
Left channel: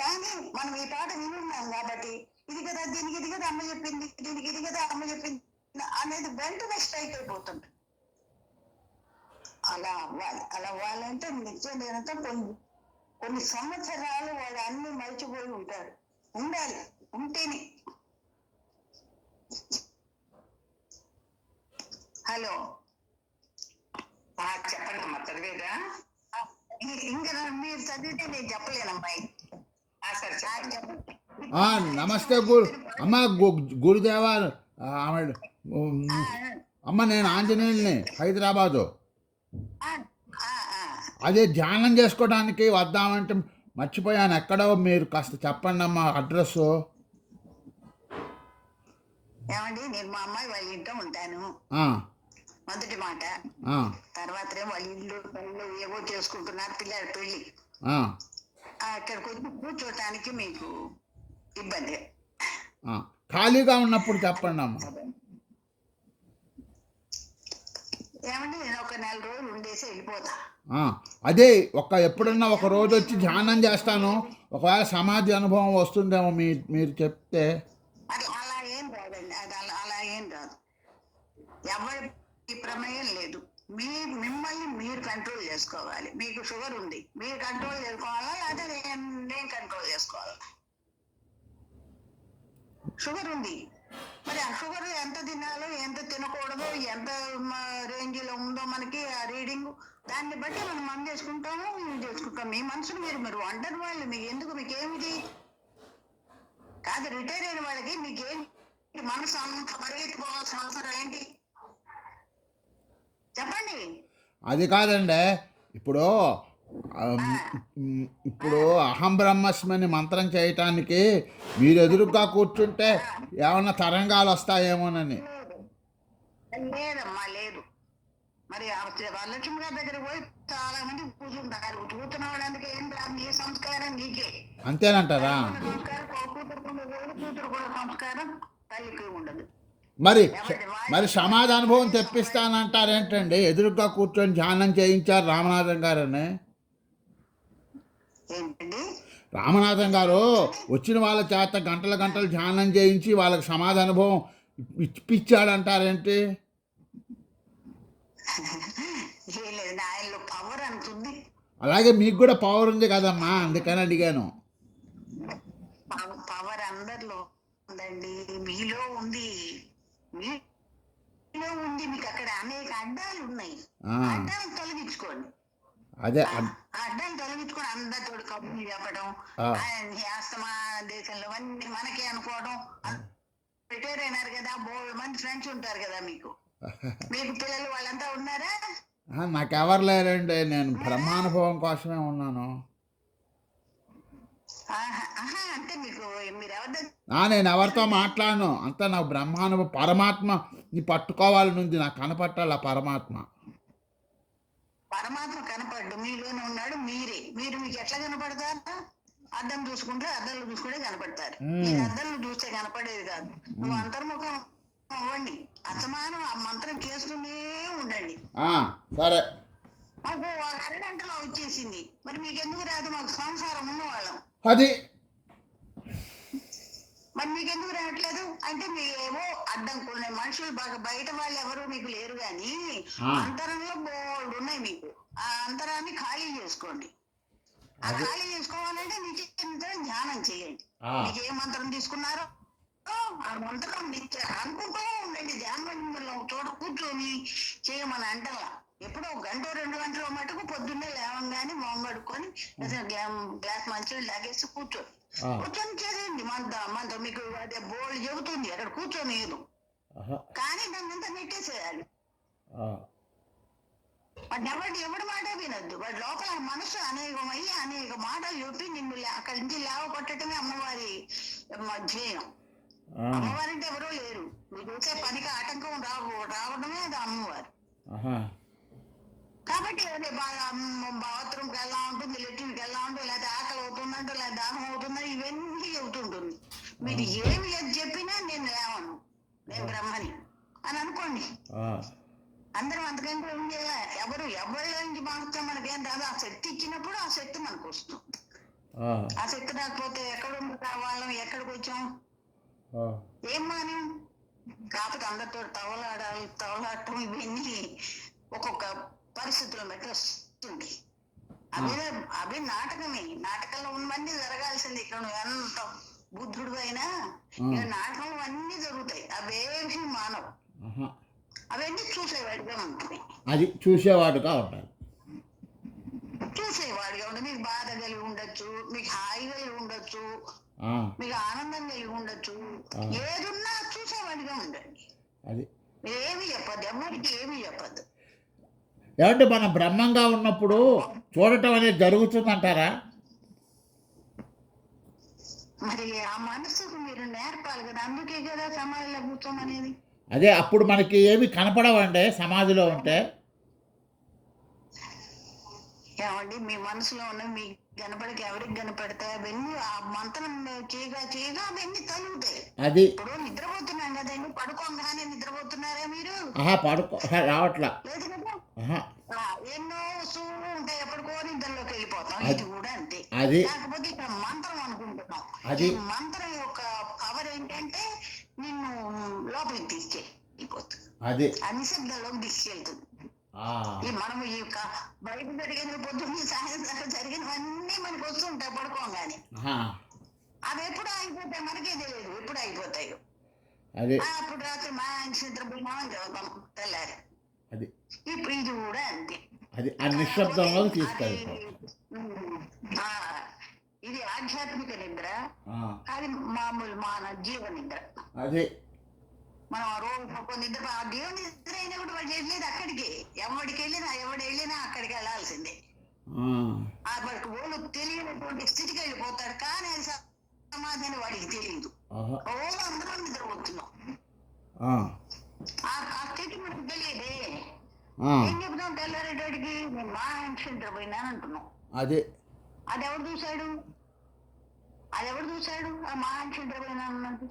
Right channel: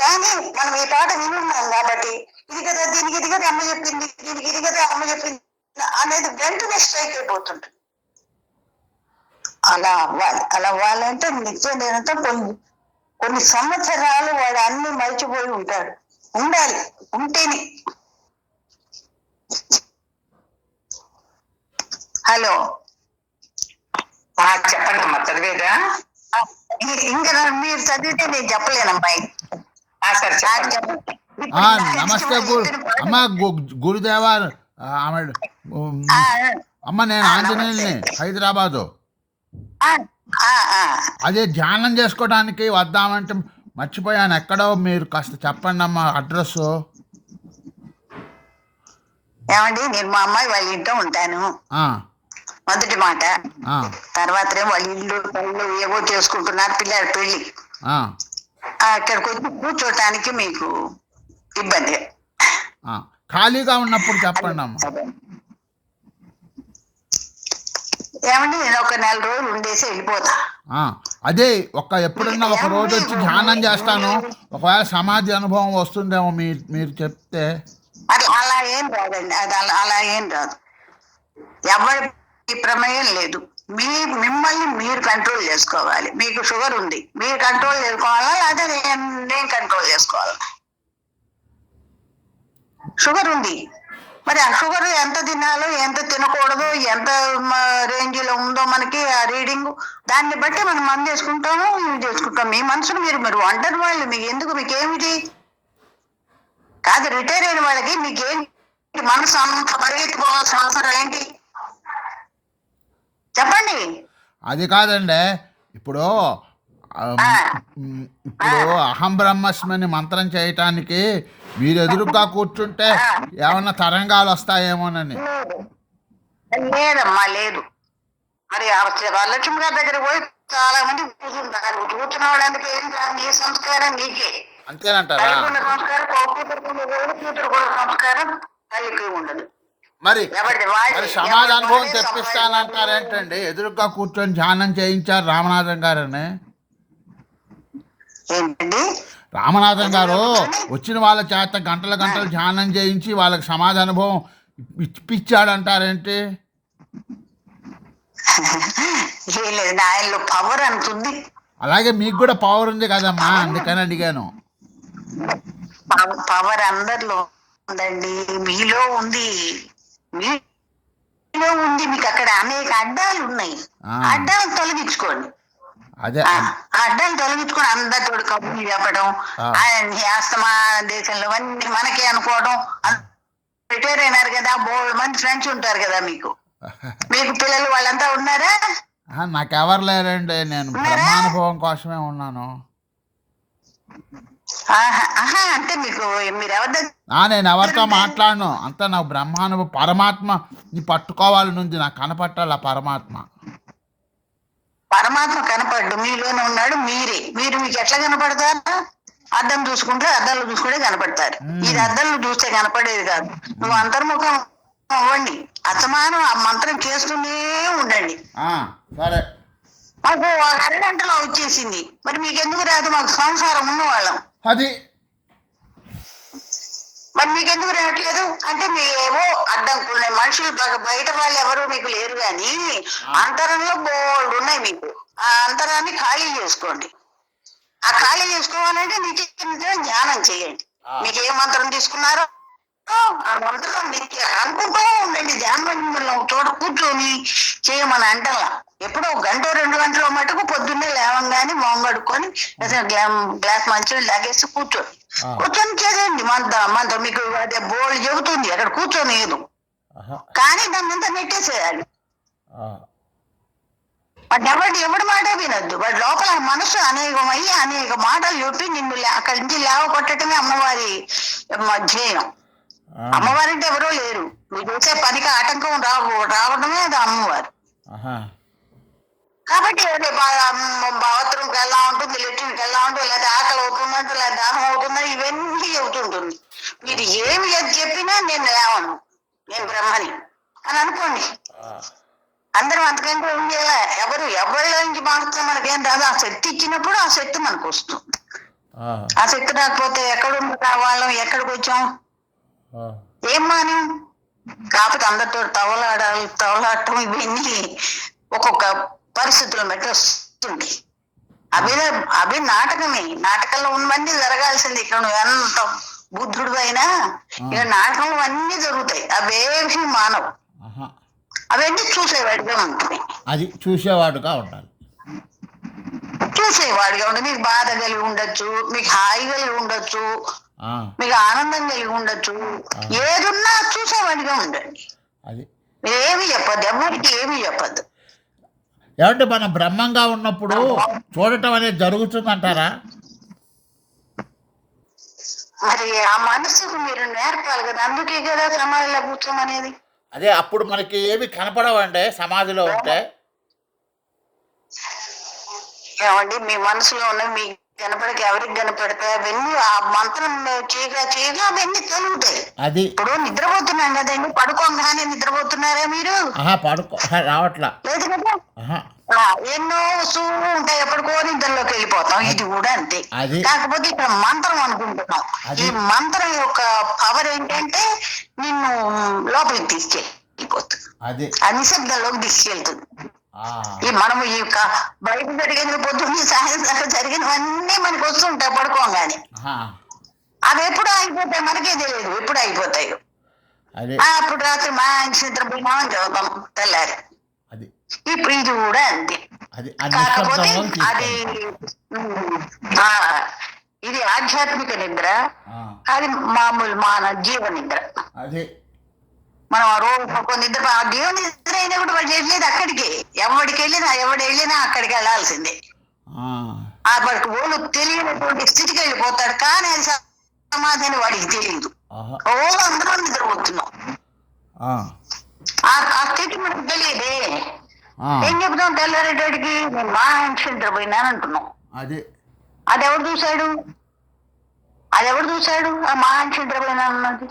కానీ మనం ఈ పాట వినున్నాం కాబట్టి ఇది కదా దీనికి ఇది కదా అమ్మ చెప్పింది, దీనికి ఇది కదా అమ్మ చెప్పింది అనేది వెంటనే స్ట్రైక్ అయిపోతుంది. అలా అవ్వాలంటే నిత్యం నేనంతా కొన్ని సంవత్సరాలు వాడు అన్ని మర్చిపోయి ఉంటాడు. ఉండాలి, ఉంటేనే. హలో, చెప్పండి అమ్మా, చదివేదా? ఇంకా మీరు చదివితే నేను చెప్పలేనమ్మాయి. సరే చెప్పండి. నమస్తే అమ్మ గురుదేవా. అమ్మ నేను ఆంజనేయుల్ని, హైదరాబాదు. అదే ధ్యానం చేసుకోవడానికి వద్దామంటే మర్చిపోయాను. ఎక్కడో మీరు కాస్త చెప్పండి అమ్మ అడ్రస్. ఏమండి, నేను మా అమ్మాయి వాళ్ళ ఇంట్లో ఉంటాను, మొదటి మాట. తర్వాత వాళ్ళ ఇల్లు ఏవో చేసుకుంటున్నారు, పిల్లల పెళ్లి. అక్కడికి వచ్చి కూర్చోటానికి మీకు ఇబ్బంది. ఖాళీగా ఉన్నప్పుడు చెప్పండి అమ్మ. ఏమండి, నేను ఒక 4 రోజులు ఉండేసి వెళ్ళిపోతా. అదే ఎప్పుడన్నా ఒక రోజు వచ్చి ధ్యానం చేస్తాను. ఒకవేళ సమాధి అనుభవం వస్తుందేమో మీరు చెప్తే. అలా ఏం రాదండి, అది అలా ఏం రాదు. ఎవరి ప్రమేయం లేదు. మిమ్మల్ని మీరు కంట్రోల్ చేసుకోవాలి. మీకు షుగర్ ఉంది, మీరు కంట్రోల్ చేసుకోవాలా లేదా నేను కంట్రోల్ చేసుకోవాలా? షుగర్ ఉంది, మరి ఆ షుగర్ ఎంత తినాలో ఎంత తినకూడదు, ఎంత రేంజ్ లో ఉందో మనకి ఆ రీడింగ్, దాన్ని బట్టి మనం మందు చేసుకుంటాము, చేసుకుంటాం. మీ మనసును మీరు వండర్ వాళ్ళు. మీకు ఎందుకు, మీకేమిటి కాదు. రిటైర్ అయిన వాళ్ళకి మీకేంటి మనసు అంత పరిగెత్తిపోవాల్సిన అవసరం ఏంటి చెప్పండి? అది కాదండి, ఇప్పుడు అహం బ్రహ్మస్మని మంత్రం చేయటానికి మీరు ఎదురుగా కూర్చుంటే ఏమన్నా తరంగాలు వస్తాయేమోనని. లేదమ్మా, లేదు. మరి వరలక్ష్మి గారి దగ్గర పోయి చాలా మంది కూర్చుంటారు. కూర్చున్న వాళ్ళందుకు ఏం కాదు, నీ సంస్కారం నీకే. అంతేనంటారా? సంస్కారం కూతురు కూడా సంస్కారం తల్లికి ఉండదు. మరి సమాధి అనుభవం తెప్పిస్తానంటారేంటండి? ఎదురుగా కూర్చొని ధ్యానం చేయించారు రామనాథం గారని. ఏంటండి, రామనాథం గారు వచ్చిన వాళ్ళ చేత గంటల గంటలు ధ్యానం చేయించి వాళ్ళకి సమాధి అనుభవం ఇప్పించాడంటారేంటి? ఆయనలో పవర్ అంతుంది. అలాగే మీకు కూడా పవర్ ఉంది కదమ్మా, అందుకని అడిగాను. పవర్ అందరిలో ఉందండి, మీలో ఉంది. మీలో ఉంది. మీకు అక్కడ అనేక అడ్డాలు ఉన్నాయి, అడ్డాలు తొలగించుకోండి. అదే అడ్డాలు తొలగించుకొని అందరితో కబుర్లు చెప్పడం, ఆస్తమా దేశంలో అన్ని మనకే అనుకోవడం. రిటైర్ అయినారు కదా, బోల్డ్ మంది ఫ్రెండ్స్ ఉంటారు కదా మీకు పిల్లలు వాళ్ళంతా ఉన్నారా? నాకెవరు లేరండి, నేను బ్రహ్మానుభవం కోసమే ఉన్నాను. అంటే మీరు ఎవరి నేను ఎవరితో మాట్లాడను, అంతా నాకు బ్రహ్మానుభవం. పరమాత్మని పట్టుకోవాలని ఉంది, నాకు కనపట్టాలి ఆ పరమాత్మ. పరమాత్మ కనపడ్డు, మీలోనే ఉన్నాడు. మీరు మీకు ఎట్లా కనపడతారు? అద్దం చూసుకుంటే అద్దాలు చూసుకుంటే కనపడతారు. ఇది అద్దాలు చూస్తే కనపడేది కాదు. నువ్వు అంతర్ముఖం అవ్వండి, అసమానం ఆ మంత్రం చేస్తూనే ఉండండి. మాకు 1/2 గంటలో వచ్చేసింది, మరి మీకెందుకు రాదు? మాకు సంసారం ఉన్నవాళ్ళం, అది మరి మీకెందుకు రావట్లేదు? అంటే మీరేమో అడ్డం మనుషులు బయట వాళ్ళు ఎవరు మీకు లేరు, కానీ అంతరంలో బోల్డ్ ఉన్నాయి మీకు. ఆ అంతరాన్ని ఖాళీ చేసుకోండి. ఆ ఖాళీ చేసుకోవాలంటే నిత్యం ధ్యానం చేయండి. మీకు ఏ మంత్రం తీసుకున్నారో ఆ మంత్రం నిత్య అనుకుంటూ ఉండండి. ధ్యానం చోట కూర్చొని చేయమని అంటలా. ఎప్పుడో 1 గంట 2 గంటల మటుకు పొద్దున్నే లేవంగానే మొహం కడుక్కొని గ్లాస్ మంచిగా లాగేసి కూర్చొని చేసేయండి. మంత్రం మీకు అదే బోల్డ్ చెబుతుంది, అక్కడ కూర్చొని ఏదు, కానీ దాన్ని అంతా నెట్టేసేయాలి. ఎవడి మాట వినొద్దు. వాడి లోపల మనసు అనేకమయ్యి అనేక మాటలు చెప్పి నిన్ను అక్కడి నుంచి లేవ కొట్టడమే అమ్మవారి ధ్యేయం. అమ్మవారంటే ఎవరో లేరు, నువ్వు చేసే పనికి ఆటంకం రావడమే అది అమ్మవారు. కాబట్టి బాత్రూమ్కి ఎలా ఉంటుంది, లెట్రిన్కి ఎలా ఉంటుంది, లేదా ఆకలి అవుతుందంటే లేదా దాహం అవుతుందా, ఇవన్నీ చెబుతుంటుంది. మీరు ఏమి చెప్పినా నేను లేవను, నేను బ్రహ్మని అని అనుకోండి. అందరం అంతకంటే ఏం చేయాలి? ఎవరిలో నుంచి మాత్రం మనకేం రాదు. ఆ శక్తి ఇచ్చినప్పుడు ఆ శక్తి మనకు వస్తుంది. ఆ శక్తి రాకపోతే ఎక్కడుంది వాళ్ళం, ఎక్కడికి వచ్చాం, ఏం మాని. కాకపోతే అందరితో తవలాడటం ఇవన్నీ ఒక్కొక్క పరిస్థితులను బట్టి వస్తుంది. అవి నాటకమే. నాటకంలో ఉన్నవన్నీ జరగాల్సింది. ఇక్కడ నువ్వు ఎంత బుద్ధుడు అయినా ఇక్కడ నాటకంలో అన్నీ జరుగుతాయి. అవేవి మానవు. అవన్నీ చూసేవాడిగా ఉంటుంది. అది చూసేవాడుగా ఉండాలి. చూసేవాడిగా ఉంటుంది. మీకు బాధ కలిగి ఉండొచ్చు, మీకు హాయి కలిగి ఉండొచ్చు, మీకు ఆనందం కలిగి ఉండొచ్చు. ఏదున్నా చూసేవాడిగా ఉండండి. అది ఏమి చెప్పద్దు, ఎవరికి ఏమి చెప్పద్దు. ఏమంటే మనం బ్రహ్మంగా ఉన్నప్పుడు చూడటం అనేది జరుగుతుందంటారా? మరి ఆ మనసుకు మీరు నేర్పాలి కదా. అందుకే కదా సమాధిలో కూర్చోమనేది. అదే అప్పుడు మనకి ఏమి కనపడవండి సమాధిలో ఉంటే. ఏమండి మీ మనసులో ఉన్న మీ కనపడక ఎవరికి కనపడతాయి? అవన్నీ ఆ మంత్రం చేయగా అవన్నీ తొలుగుతాయి. అది ఇప్పుడు నిద్రపోతున్నాం కదండి, పడుకోగానే నిద్రపోతున్నారా మీరు? పడుకో రావట్లా. లేదు కదా. ఎన్నో వస్తువులు ఉంటాయి, ఎప్పటికో నిద్రలోకి వెళ్ళిపోతాం. ఇది కూడా అంతే. కాకపోతే ఇక్కడ మంత్రం అనుకుంటున్నాం. ఈ మంత్రం యొక్క పవర్ ఏంటంటే నిన్ను లోపలికి తీసుకెళ్ళిపోతుంది, ఆ నిశ్శబ్దంలోకి తీసుకెళ్తుంది. మనము ఈ బయట జరిగిన పొద్దున్న సాయంత్రం జరిగినవన్నీ మనకు వస్తుంటాయి పడుకోగానే. అవి ఎప్పుడు అయిపోతాయి మనకే తెలియదు, ఎప్పుడు అయిపోతాయి. అప్పుడు రాత్రి మా నిద్రపోయినామని చదువుతాం తెల్లారి. ఇప్పుడు ఇది కూడా అంతే. కాకపోతే అది ఇది ఆధ్యాత్మిక నిద్ర, అది మామూలు మానవ జీవ నిద్ర. మనం ఆ రోజు నిద్ర దేవుని నిద్ర అయినా కూడా వాళ్ళు చేసేది అక్కడికి. ఎవడు వెళ్ళినా అక్కడికి వెళ్ళాల్సిందే. వాడికి ఓళ్ళు తెలియనటువంటి స్థితికి వెళ్ళిపోతాడు. కానీ అది సమాధానం వాడికి తెలియదు. ఓళ్ళు అందరం నిద్రపోతున్నాం. ఆ స్థితి మనకు తెలియదే. ఏం చెప్తాం తెల్లారేటోడికి? నేను మా నిద్రపోయినాను అంటున్నాం. అది ఎవడు చూశాడు? ఆ మా నిద్రపోయినాను అన్నది.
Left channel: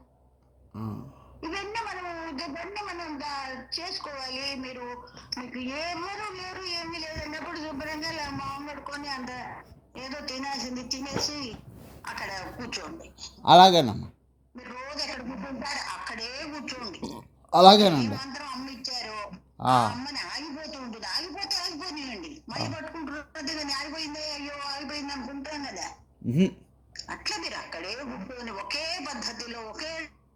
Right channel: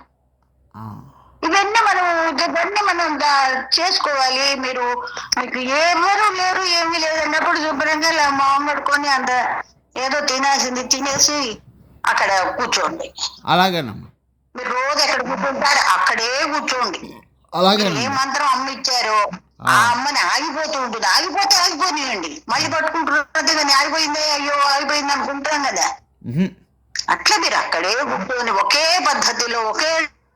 ఇవన్నీ మనం చేసుకోవాలి. మీకు ఎవరు లేరు, ఏమీ లేదు అన్నప్పుడు శుభ్రంగా మొహం కడుక్కొని అంత ఏదో తినాల్సింది తినేసి అక్కడ కూర్చోండి. అలాగేనమ్మా. మీరు రోజు ఎక్కడ కూర్చుంటారు అక్కడే కూర్చోండి. ఏ మంత్రం అమ్మ ఇచ్చారో ఆ అమ్మని ఆగిపోతూ ఉంటుంది. ఆగిపోతే ఆగిపోనియండి, మళ్ళీ పట్టుకుంటున్నది. కానీ ఆగిపోయిందే, అయ్యో ఆగిపోయింది అనుకుంటాం కదా. అట్లా మీరు అక్కడే కూర్చొని ఒకే పద్ధతిలో ఒకే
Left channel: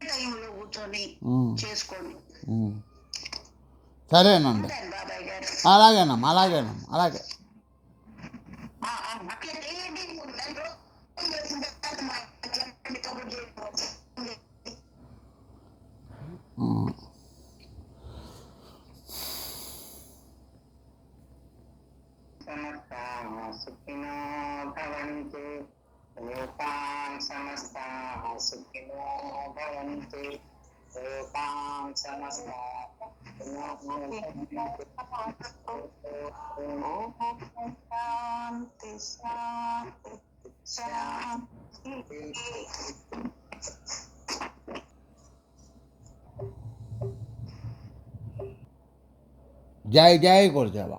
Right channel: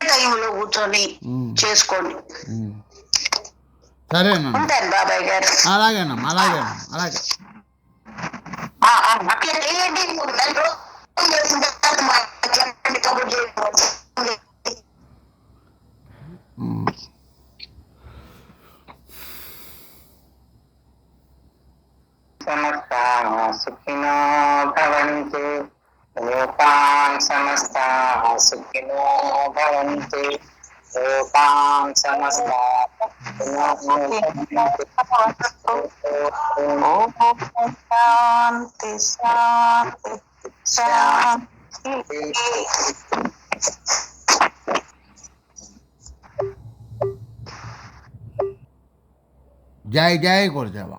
టైంలో కూర్చొని చేసుకోండి. సరేనా? ఉంటాను బాబాయ్ గారు. అలాగేనమ్మా. అలాగే అట్లా చేయండి. సమస్తాః సుఖినో భవంతు. లోకాన్ సమస్తాః సుఖినో భవంతు. లోకాన్ సమస్తాః సుఖినో శాంతి శాంతి శాంతి. జై జై గురుదేవ.